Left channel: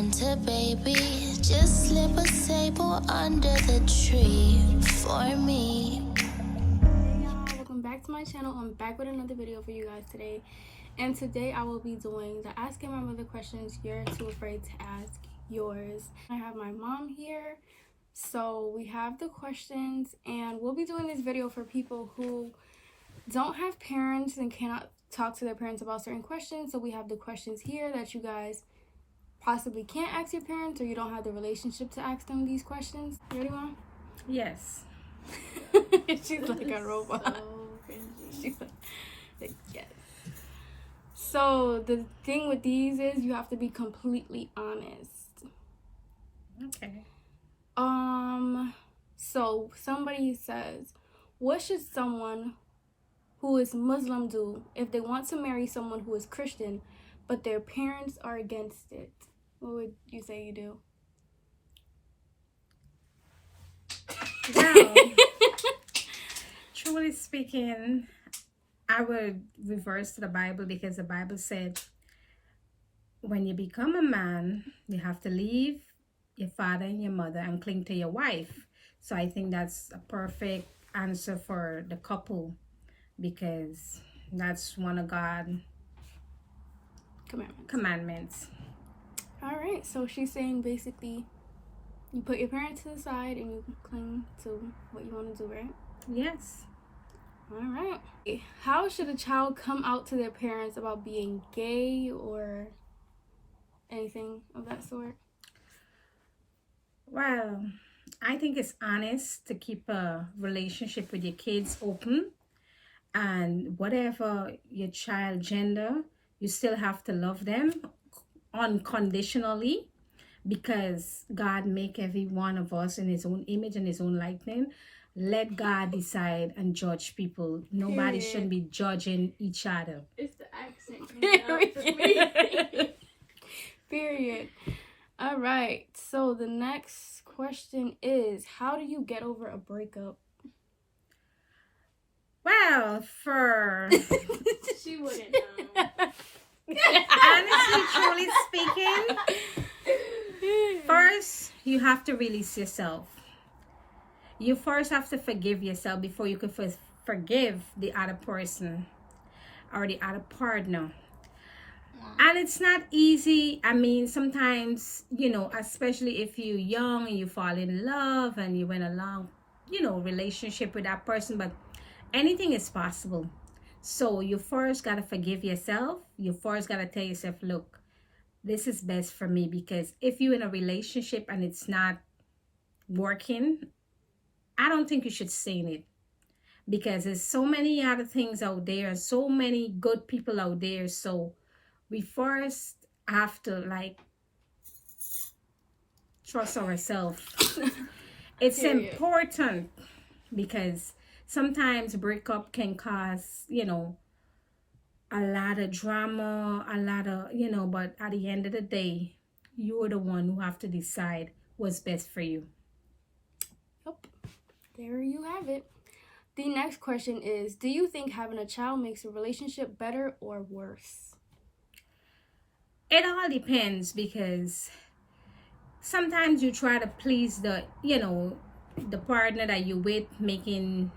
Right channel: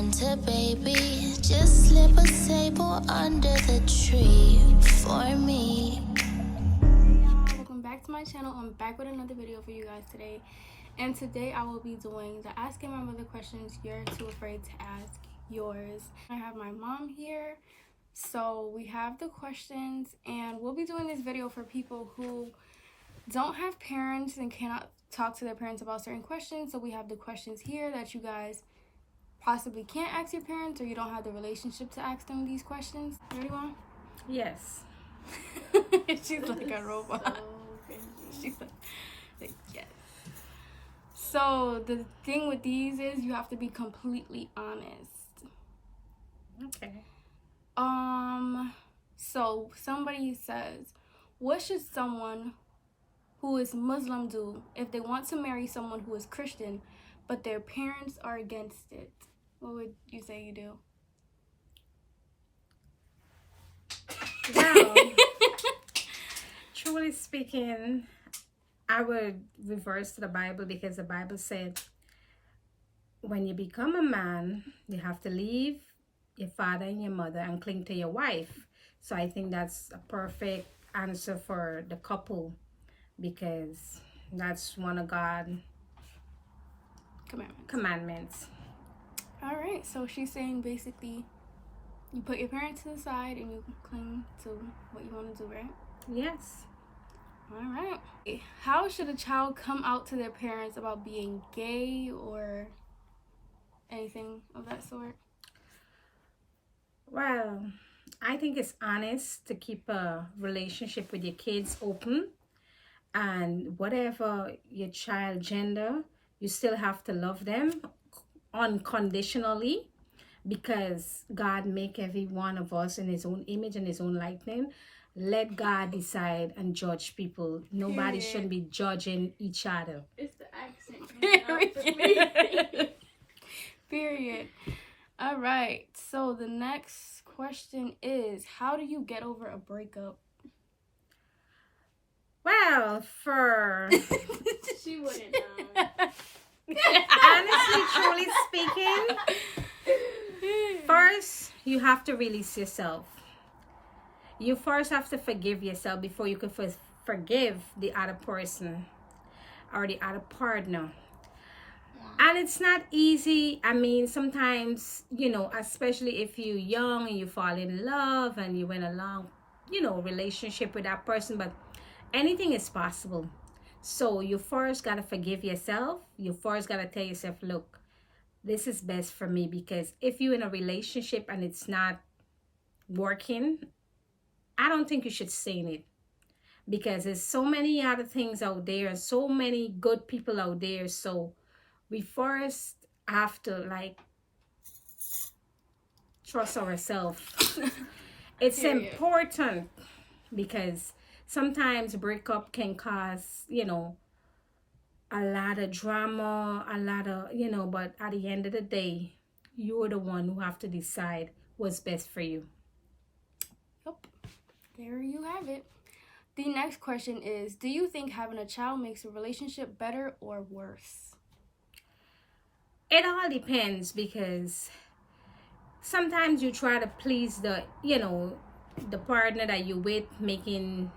winter, baby. Just slip a sable under the tree for me. Hey y'all, welcome back to my channel. I'm back with another video for you guys today. And today I will be doing the asking my mother questions you're too afraid to ask yours. I have my mom here. So we have the questions, and we'll be doing this video for people who don't have parents and cannot talk to their parents about certain questions. So we have the questions here that you guys possibly can't ask your parents, or you don't have the relationship to ask them these questions. Ready, Mom? Yes. She's like a robot. She's like, yes. So the thing with these is you have to be completely honest. Okay. So somebody says, what should someone who is Muslim do if they want to marry someone who is Christian, but their parents are against it? What would you say you do? Well, truly speaking, I would reverse to the Bible, because the Bible said when you become a man, you have to leave your father and your mother and cling to your wife. So I think that's a perfect answer for the couple, because that's one of God's commandments. All right, so she's saying basically you put your parents to the side and you cling to what you want to do, right? Yes. All right. How should a child come out to their parents about being gay or anything of that sort? Well, I think it's honest to keep a relationship with your kids open, and whatever your child gender, you still have to love them unconditionally, because God make every one of us in his own image and his own likeness. Let God decide and judge people. Nobody should be judging each other. It's the accent. Period. All right. So the next question is, how do you get over a breakup? Well, She wouldn't know. honestly, truly speaking, first you have to release yourself. You first have to forgive yourself before you can forgive the other person or the other partner. And it's not easy. I mean, sometimes, especially if you're young and you fall in love and you went a long, relationship with that person, but anything is possible. So you first got to forgive yourself. You first got to tell yourself, look, this is best for me, because if you're in a relationship and it's not working, I don't think you should stay in it, because there's so many other things out there and so many good people out there. So we first have to trust ourselves. It's important, because sometimes breakup can cause, a lot of drama, a lot of, but at the end of the day, you're the one who have to decide what's best for you. Yep. There you have it. The next question is, do you think having a child makes a relationship better or worse? It all depends, because sometimes you try to please the partner that you're with, making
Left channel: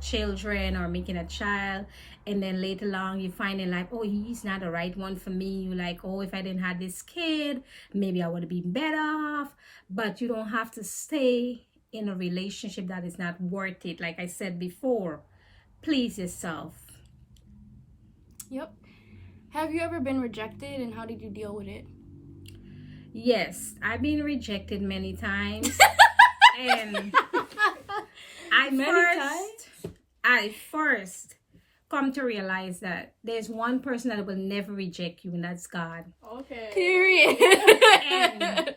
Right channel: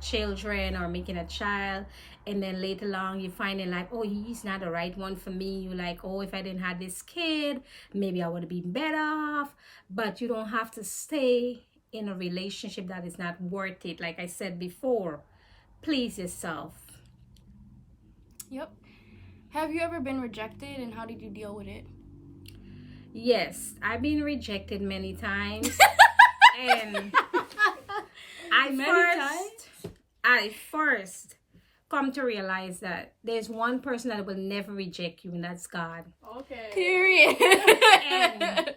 children or making a child, and then later on you find it like, oh, he's not the right one for me. You're like, oh, if I didn't have this kid, maybe I would have been better off. But you don't have to stay in a relationship that is not worth it. Like I said before, please yourself. Yep. Have you ever been rejected, and how did you deal with it? Yes, I've been rejected many times. And I first come to realize that there's one person that will never reject you, and that's God. Okay. Period. And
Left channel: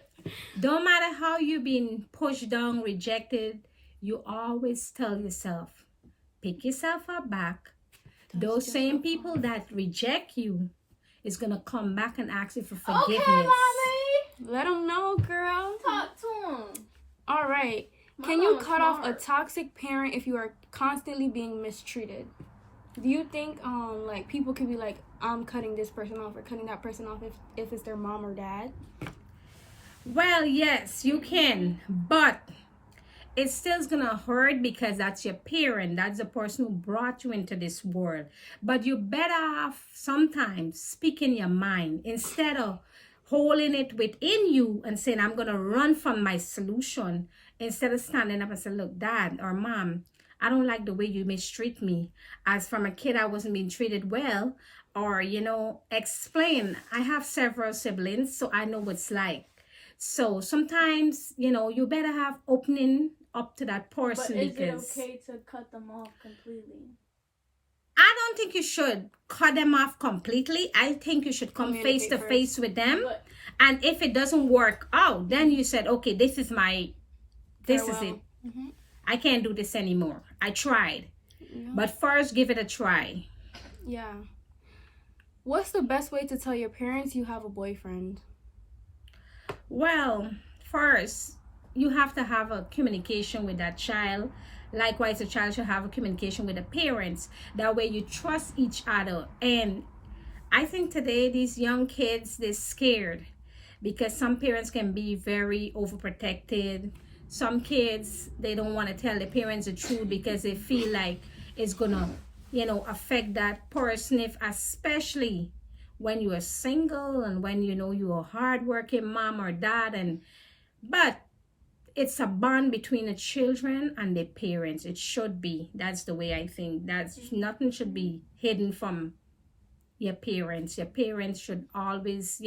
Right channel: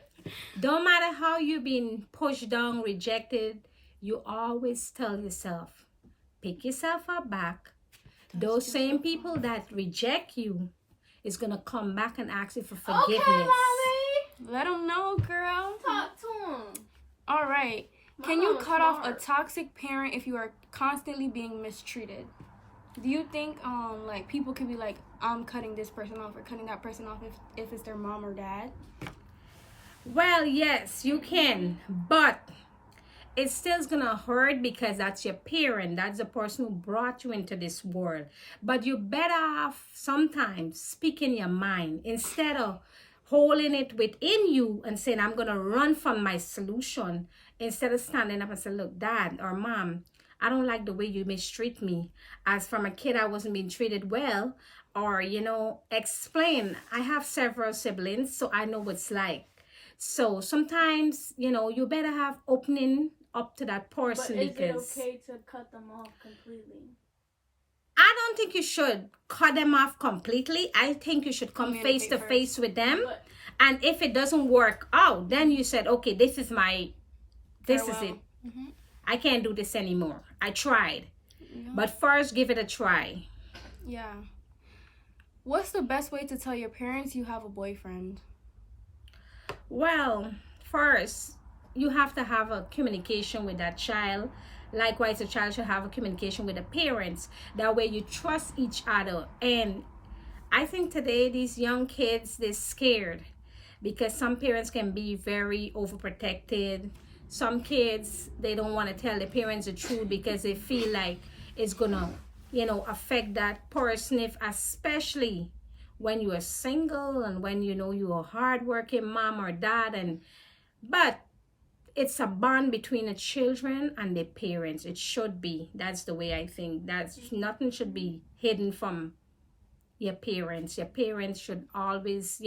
don't matter how you've been pushed down, rejected, you always tell yourself, pick yourself up back. Those same people that reject you is going to come back and ask you for forgiveness. Okay, mommy. Let them know, girl. Talk to him. All right. Can you cut off a toxic parent if you are constantly being mistreated? Do you think people could be like, I'm cutting this person off or cutting that person off if it's their mom or dad? Well, yes, you can, but it still's gonna hurt because that's your parent, that's the person who brought you into this world. But you better off sometimes speaking your mind instead of holding it within you and saying, I'm gonna run from my solution, instead of standing up and say, look, dad or mom, I don't like the way you mistreat me. As from a kid, I wasn't being treated well. Or, explain. I have several siblings, so I know what it's like. So sometimes, you better have opening up to that person. But is because it okay to cut them off completely? I don't think you should cut them off completely. I think you should come face to face with them. But, and if it doesn't work out, then you said, okay, this is it. Mm-hmm. I can't do this anymore. I tried. Yeah. But first, give it a try. Yeah. What's the best way to tell your parents you have a boyfriend? Well, first, you have to have a communication with that child. Likewise, a child should have a communication with the parents. That way you trust each other. And I think today these young kids, they're scared because some parents can be very overprotected. Some kids, they don't want to tell the parents the truth because they feel like it's gonna, affect that person, especially when you are single and when you're a hardworking mom or dad. But it's a bond between the children and the parents. It should be. That's the way I think. Nothing should be hidden from your parents. Your parents should always,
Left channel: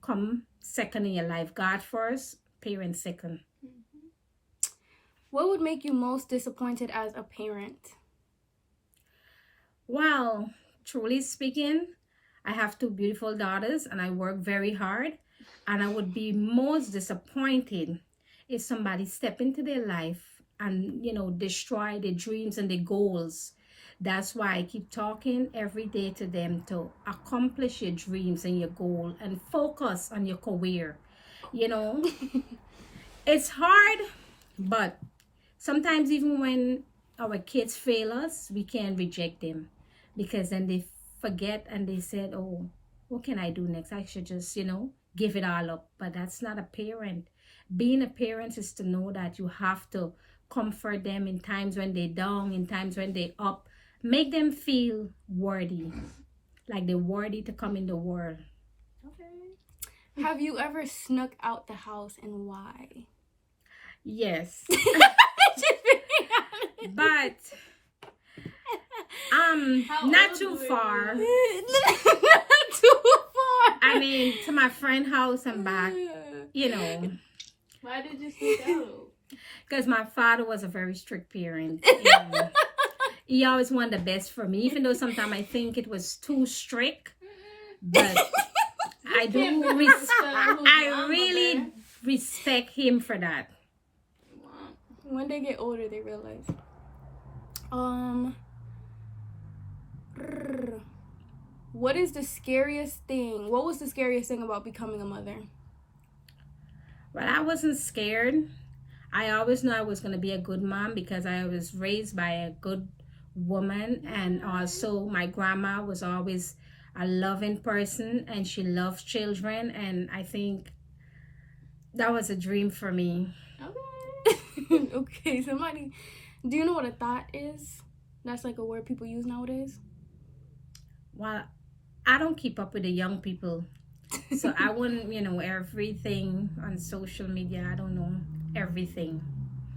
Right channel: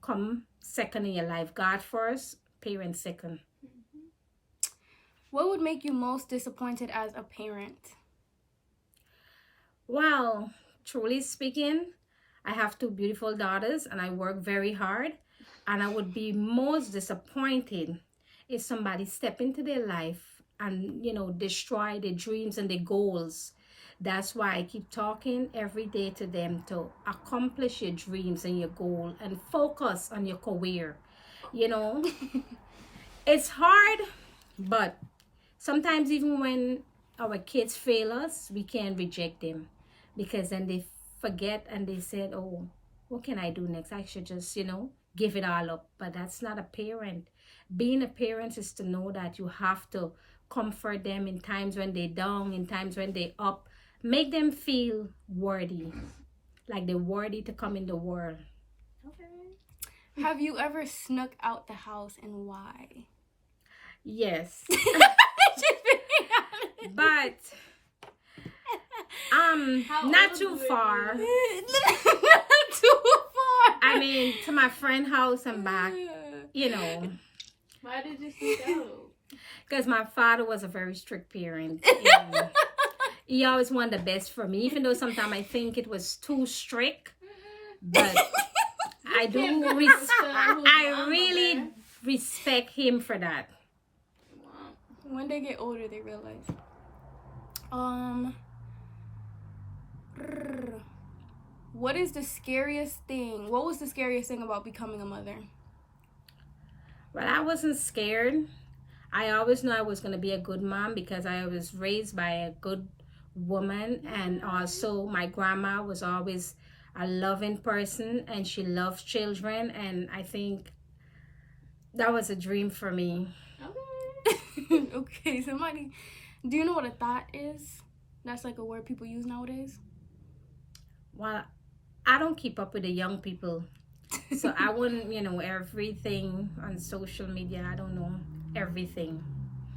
come second in your life. God first, parents second. What would make you most disappointed as a parent? Well, truly speaking, I have two beautiful daughters and I work very hard. And I would be most disappointed if somebody step into their life and, destroy their dreams and their goals. That's why I keep talking every day to them to accomplish your dreams and your goal and focus on your career. It's hard, but sometimes even when our kids fail us, we can't reject them because then they forget and they said, oh, what can I do next? I should just, give it all up. But that's not a parent. Being a parent is to know that you have to comfort them in times when they're down, in times when they're up. Make them feel worthy, like they're worthy to come in the world. Okay. Have you ever snuck out the house and why? Yes. But not too far. Not too far. I mean, to my friend's house and back, Why did you sneak out? Because my father was a very strict parent. He always wanted the best for me, even though sometimes I think it was too strict. But I really respect him for that. When they get older, they realize. What is the scariest thing? What was the scariest thing about becoming a mother? Well, I wasn't scared. I always knew I was going to be a good mom because I was raised by a good woman, and also my grandma was always a loving person and she loves children, and I think that was a dream for me. Okay, do you know what a thought is? That's like a word people use nowadays. Well, I don't keep up with the young people, so I wouldn't, everything on social media. I don't know everything.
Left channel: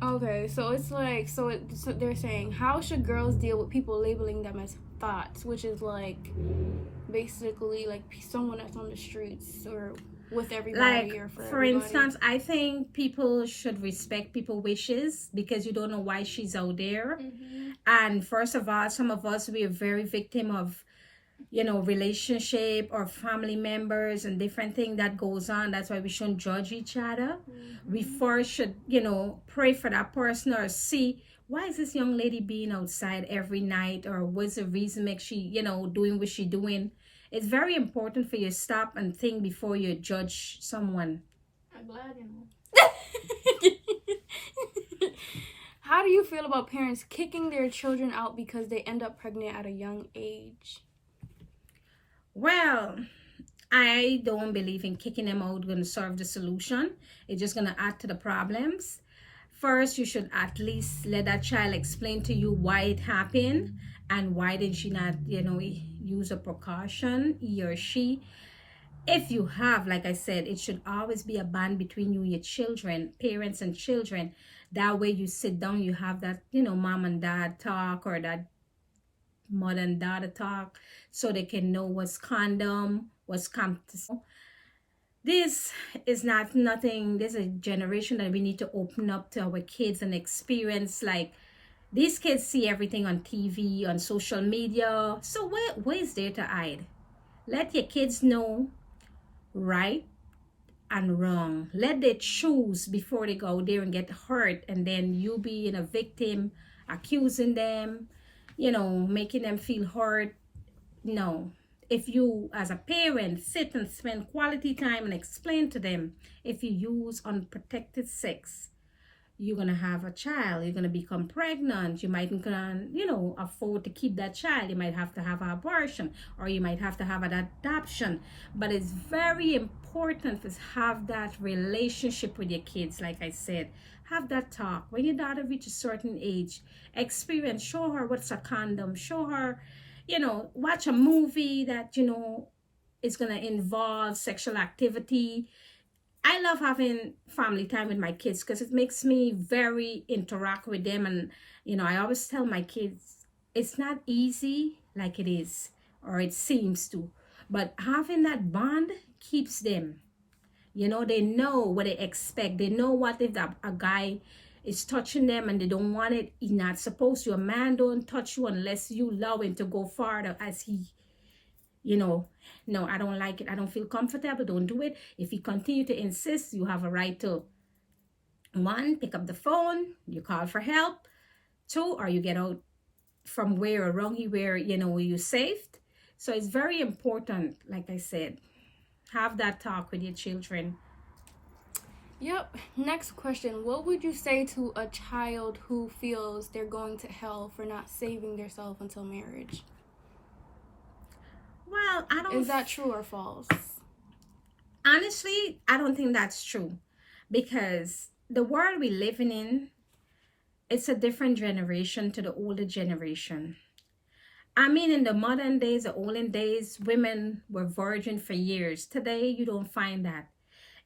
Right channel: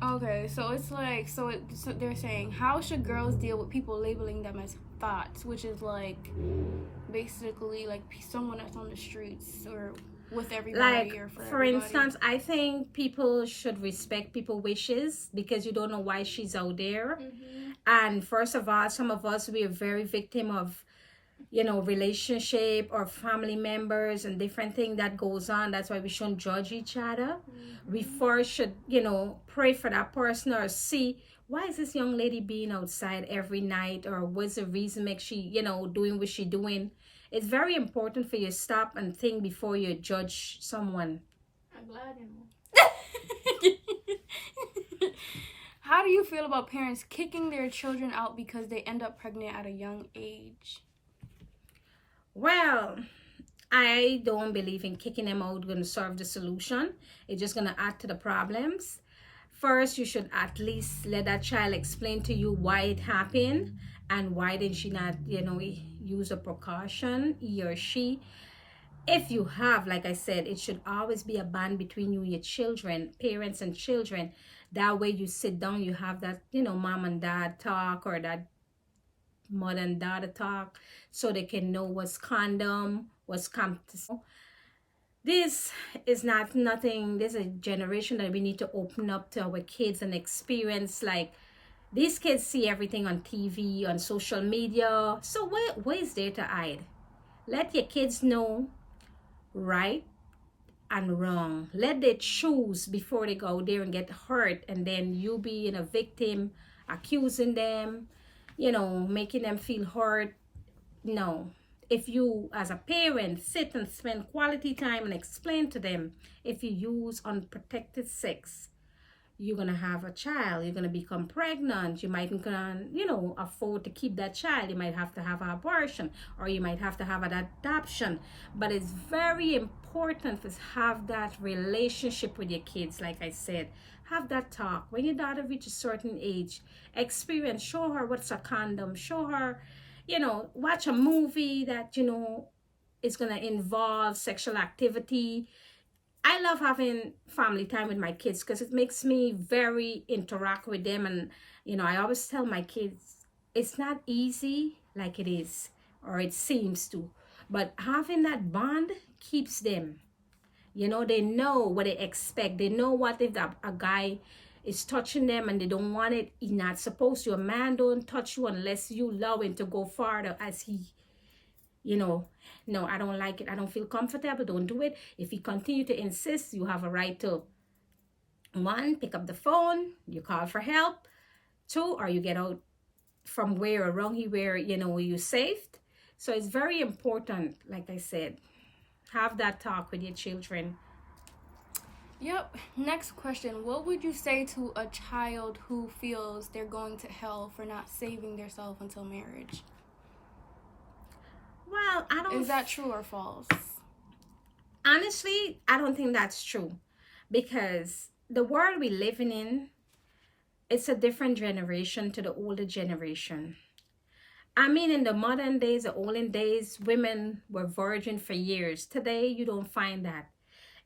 Okay, so it's like, so they're saying, how should girls deal with people labeling them as thoughts, which is like basically like someone that's on the streets or with everybody, like, or for for everybody. instance, I think people should respect people's wishes because you don't know why she's out there. And first of all, some of us, we are very victim of relationship or family members and different things that goes on. That's why we shouldn't judge each other. We first should pray for that person or see, why is this young lady being outside every night, or what's the reason make she doing what she doing. It's very important for you to stop and think before you judge someone. I'm glad you know. How do you feel about parents kicking their children out because they end up pregnant at a young age? Well, I don't believe in kicking them out going to solve the solution. It's just going to add to the problems. First, you should at least let that child explain to you why it happened and why did she not, use a precaution, he or she. If you have, like I said, it should always be a bond between you and your children, parents and children. That way you sit down, you have that, mom and dad talk, or that mother and daughter talk, so they can know what's condom, what's this is not nothing. There's a generation that we need to open up to our kids and experience. Like, these kids see everything on TV, on social media, so where is there to hide? Let your kids know right and wrong. Let them choose before they go there and get hurt, and then you being a victim, accusing them, making them feel hurt. No. If you as a parent sit and spend quality time and explain to them, if you use unprotected sex, you're gonna have a child, you're gonna become pregnant, you might afford to keep that child, you might have to have an abortion, or you might have to have an adoption. But it's very important to have that relationship with your kids. Like I said, have that talk. When your daughter reaches a certain age, experience, show her what's a condom, show her, watch a movie that is going to involve sexual activity. I love having family time with my kids because it makes me very interact with them. And I always tell my kids, it's not easy like it is, or it seems to, but having that bond keeps them, they know what they expect. They know what if a guy is touching them and they don't want it, he's not supposed to. A man don't touch you unless you allow him to go farther, as he, no, I don't like it, I don't feel comfortable, don't do it. If he continue to insist, you have a right to, 1, pick up the phone, you call for help. 2, or you get out from where around here where you're safe. So it's very important, like I said, have that talk with your children. Yep. Next question. What would you say to a child who feels they're going to hell for not saving themselves until marriage? Well, Is that true or false? Honestly, I don't think that's true, because the world we're living in, it's a different generation to the older generation. I mean, in the modern days, the olden days, women were virgin for years. Today, you don't find that.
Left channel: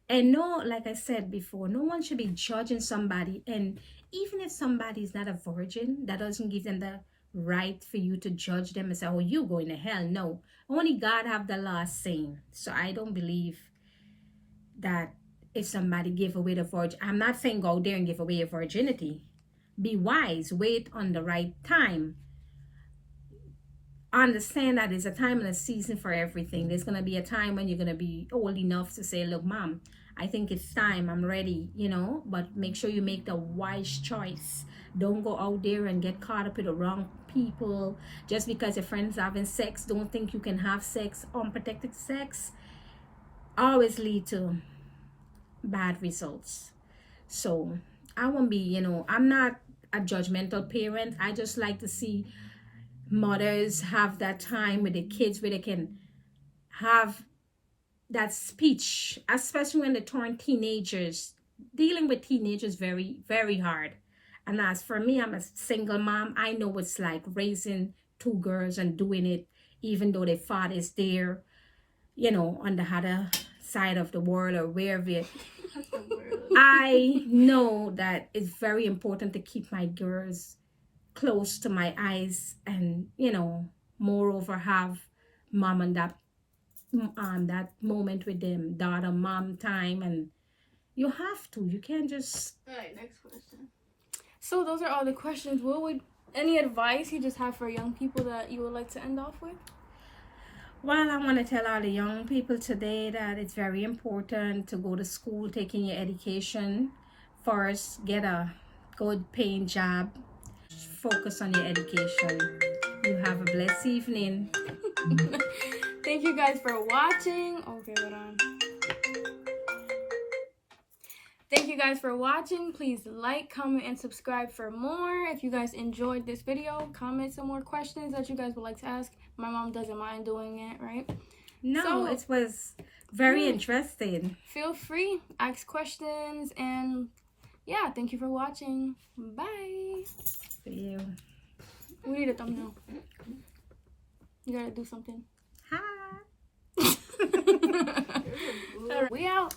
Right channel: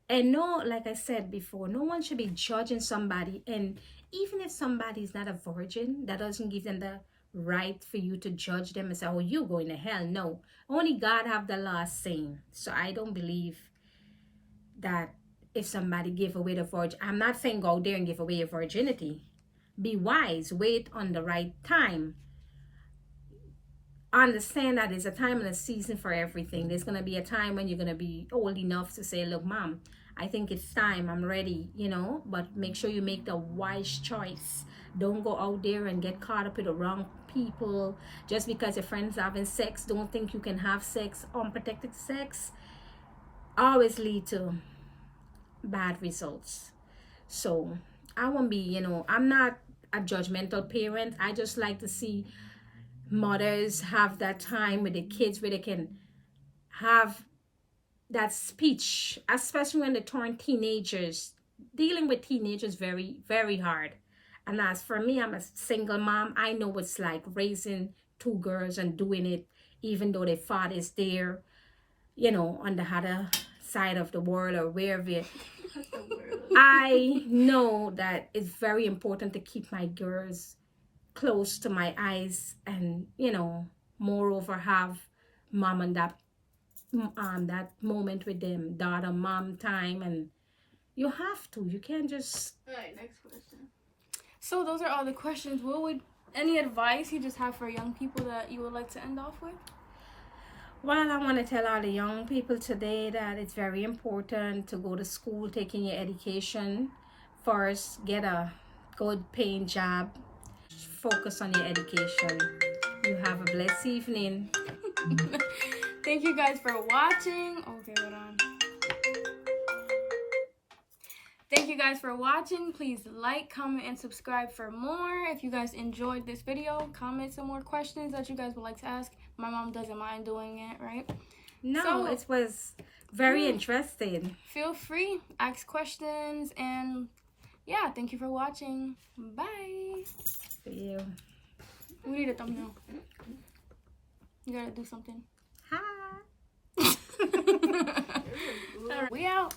And no, like I said before, no one should be judging somebody. And even if somebody is not a virgin, that doesn't give them the right for you to judge them and say, oh, you're going to hell. No, only God have the last say. So I don't believe that if somebody give away the virgin, I'm not saying go out there and give away your virginity. Be wise, wait on the right time. Understand that there's a time and a season for everything. There's going to be a time when you're going to be old enough to say, look, mom, I think it's time, I'm ready, but make sure you make the wise choice. Don't go out there and get caught up with the wrong people. Just because your friends having sex, don't think you can have sex. Unprotected sex always lead to bad results. So I won't be, I'm not a judgmental parent. I just like to see mothers have that time with the kids where they can have that speech, especially when they turn teenagers. Dealing with teenagers very, very hard. And as for me, I'm a single mom. I know what it's like raising 2 girls and doing it even though their father is there, on the other side of the world or wherever. I know that it's very important to keep my girls close to my eyes and, moreover, have mom and that moment with them, daughter, mom time. And you have to. You can't just... All right, next question. So those are all the questions. Any advice you just have for young people that you would like to end off with? Well, I want to tell all the young people today that it's very important to go to school, taking your education first, get a good paying job, focus on your education. You have a blessed evening. Thank you guys for watching. Okay, hold on. Thank you guys for watching. Please like, comment, and subscribe for more. If you guys enjoyed this video, comment some more questions that you guys would like to ask. My mom doesn't mind doing it, right? No, So- it was very interesting. Feel free, ask questions, and yeah, thank you for watching. Bye. For you. We need a thumbnail. You gotta do something. Hi. Alright, we out.